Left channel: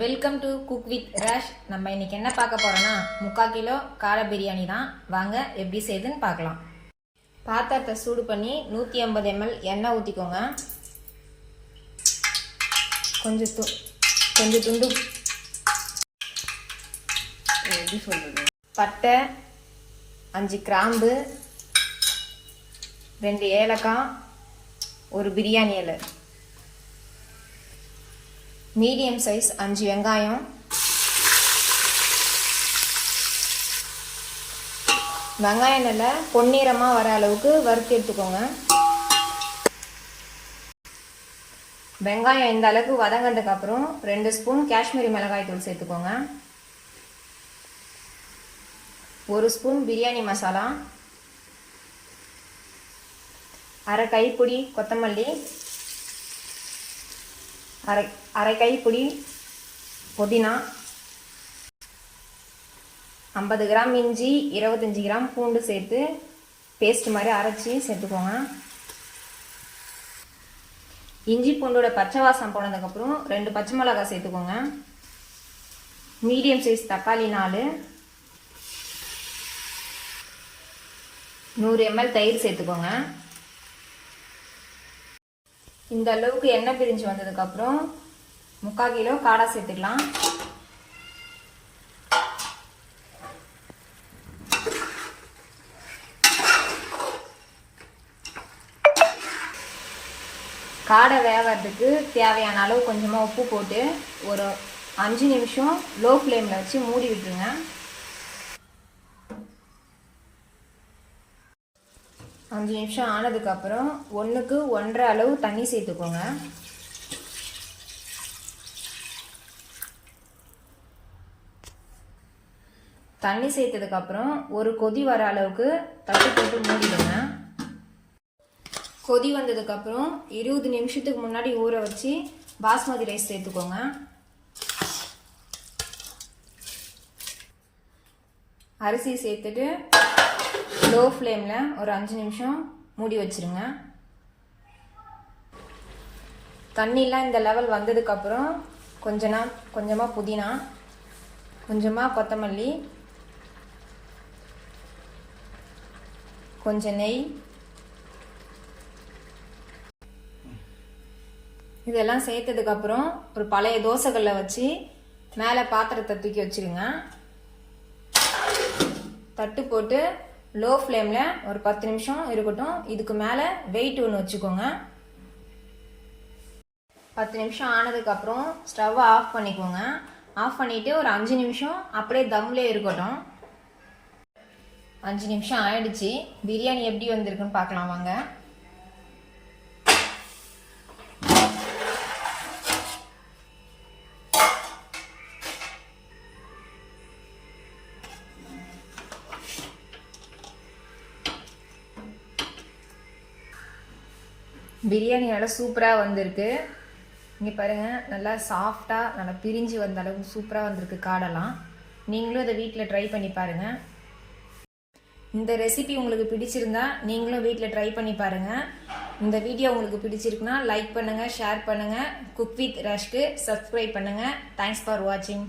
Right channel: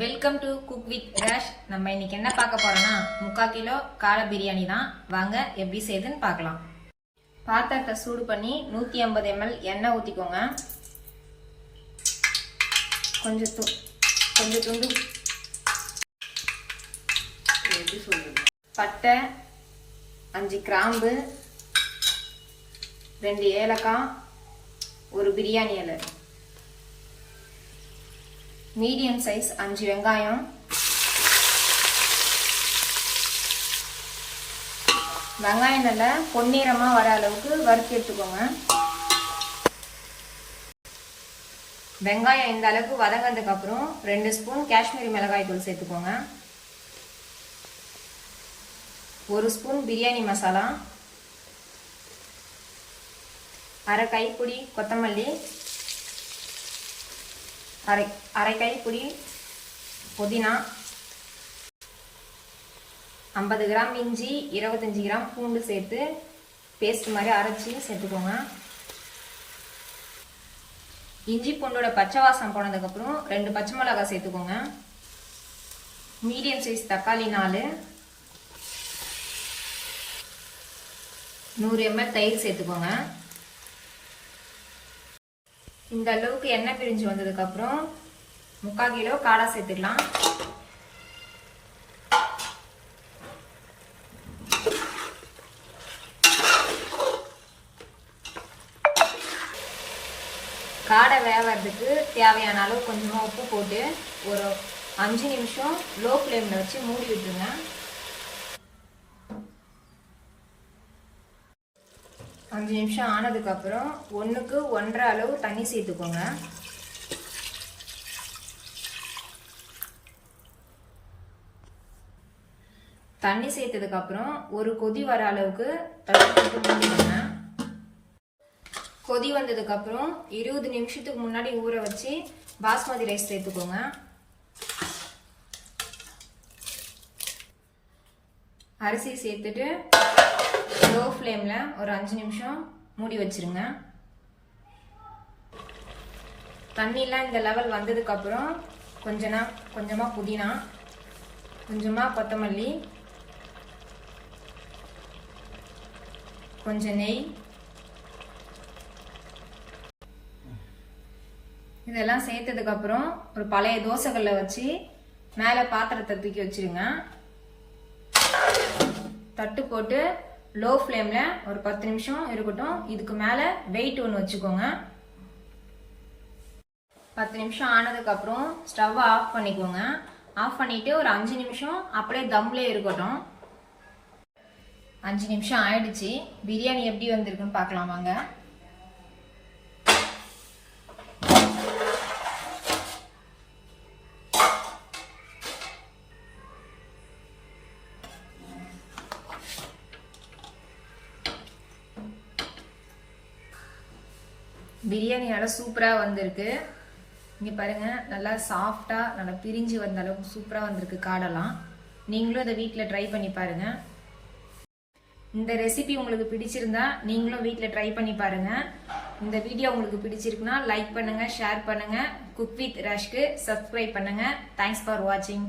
Welcome to cook with Rash. நம்ம இன்னைக்கு என்ன பார்க்க போறோம்னா 3/4 கிலோ காடை பிரியாணி தான். வாங்க எப்படி செய்யுதுன்னு பார்க்கலாம். பாத்திரத்தை சூடு பண்ணி 150 ml எண்ணெய் ஊற்றிக்கோங்க. கொஞ்சம் துண்டு பட்டை, 5 கிராம்பு, 2 ஏலக்காய், ஒரு பிரியாணி இலை, மீடியம் சைஸ் 5 வெங்காயம், வெங்காயம் நல்லா பொன்னிறமா வர அளவுக்கு வறுத்து எடுத்துக்கோங்க. வெங்காயம் இந்த அளவுக்கு வதங்கிறதுக்கு அப்புறம் 2 ஸ்பூன் காஷ்மீரி மிளகாய் தூள் சேர்த்துக்கோங்க. 1 ஸ்பூன் பிரியாணி மசாலா, அரை கைப்பிடி கொத்தமல்லி, அரை கைப்பிடி புதினா, 50 கிராம் இஞ்சி, 25 கிராம் பூண்டு சேர்த்து பேஸ்ட் மாதிரி அரைச்சி சேர்த்துக்கோங்க. இஞ்சி பூண்டோட பச்சை வாசம் போனதுக்கப்புறம் 2 பச்சை மிளகாய் சேர்த்துக்கோங்க. மீடியம் சைஸ் தக்காளி 4, 100 ml தயிர் சேர்த்துக்கோங்க. இந்த அளவுக்கு எண்ணெய் பிரிஞ்சு வந்ததுக்கு அப்புறம் 3/4 கிலோ காடை சேர்த்துக்கலாம். காடை வேகிறதுக்கு தேவையான அளவு கொஞ்சமா உப்பு போட்டு ஒரு 5 நிமிஷம் லோ ஃப்ளேம்ல வச்சு மூடி விட்டுருங்க. அஞ்சு நிமிஷம் ஆனதுக்கு அப்புறம் 1க்கு 1.5 அளவு தண்ணி சேர்த்துக்கோங்க. தண்ணி சேர்த்ததுக்கு அப்புறம் ஒரு கொதி வர அளவுக்கு தண்ணி போட்டு மூடிடுங்க. கொதி வந்ததுக்கு அப்புறம் 20 நிமிஷத்துக்கு முன்னாடி ஊற வச்சு பாஸ்மதி ரைஸ் சேர்த்துக்கோங்க. அரிசி சேர்த்துட்டு லோ ஃப்ளேம்ல ஒரு 5 நிமிஷம் மூடி வச்சிருங்க. தண்ணிலாம் இந்த லெவல் வந்ததுக்கு அப்புறம் கொஞ்சமா புதினா, கொஞ்சமா கொத்தமல்லி, கொஞ்சம் நெய், இதெல்லாம் சேர்த்ததுக்கு அப்புறம் ஒரு பழைய தோசைக்கல்லை வச்சு மேலே பாத்திரத்தை தூக்கி வச்சிருங்க. தட்டு போட்டு லோ ஃப்ளேம்ல ஒரு 10 நிமிஷம் இருக்கட்டும். இதுக்கு மேல வெயிட் ஒன்று வச்சுக்கோங்க. 10 நிமிஷம் ஆனதுக்கு அப்புறம் ஸ்டவ் ஆஃப் பண்ணிக்கோங்க. ஆஃப் பண்ணிட்டு ஒரு 5 நிமிஷம் அப்படியே தம்லே இருக்கட்டும். 5 நிமிஷம் ஆயிடுச்சு. பிரியாணி எப்படி வந்திருக்குன்னு பார்க்கலாம் வாங்க. பிரியாணி நல்லா சூப்பராக வந்திருக்கு. இங்கே பாருங்க, நல்லா சாஃப்டாக நல்லா பிரிஞ்சு வந்த அளவுக்கு சூப்பராக வந்திருக்கு காடெல்லாம். நீங்களும் அதை வீட்டில் ட்ரை பண்ணி பாருங்க. இந்த ரெசிபி உங்களுக்கு பிடிச்சிருந்தா நீங்களும் வீட்டில் ட்ரை பண்ணி பாருங்க. இந்த வீடியோ உங்களுக்கு பிடிச்சிருக்குன்னா லைக் பண்ணுங்க, ஷேர் பண்ணுங்க. குக் வித் ராஷ்க்கு சப்ஸ்கிரைப் பண்ணுங்க. தேங்க்ஸ் ஃபார் வாட்சிங்.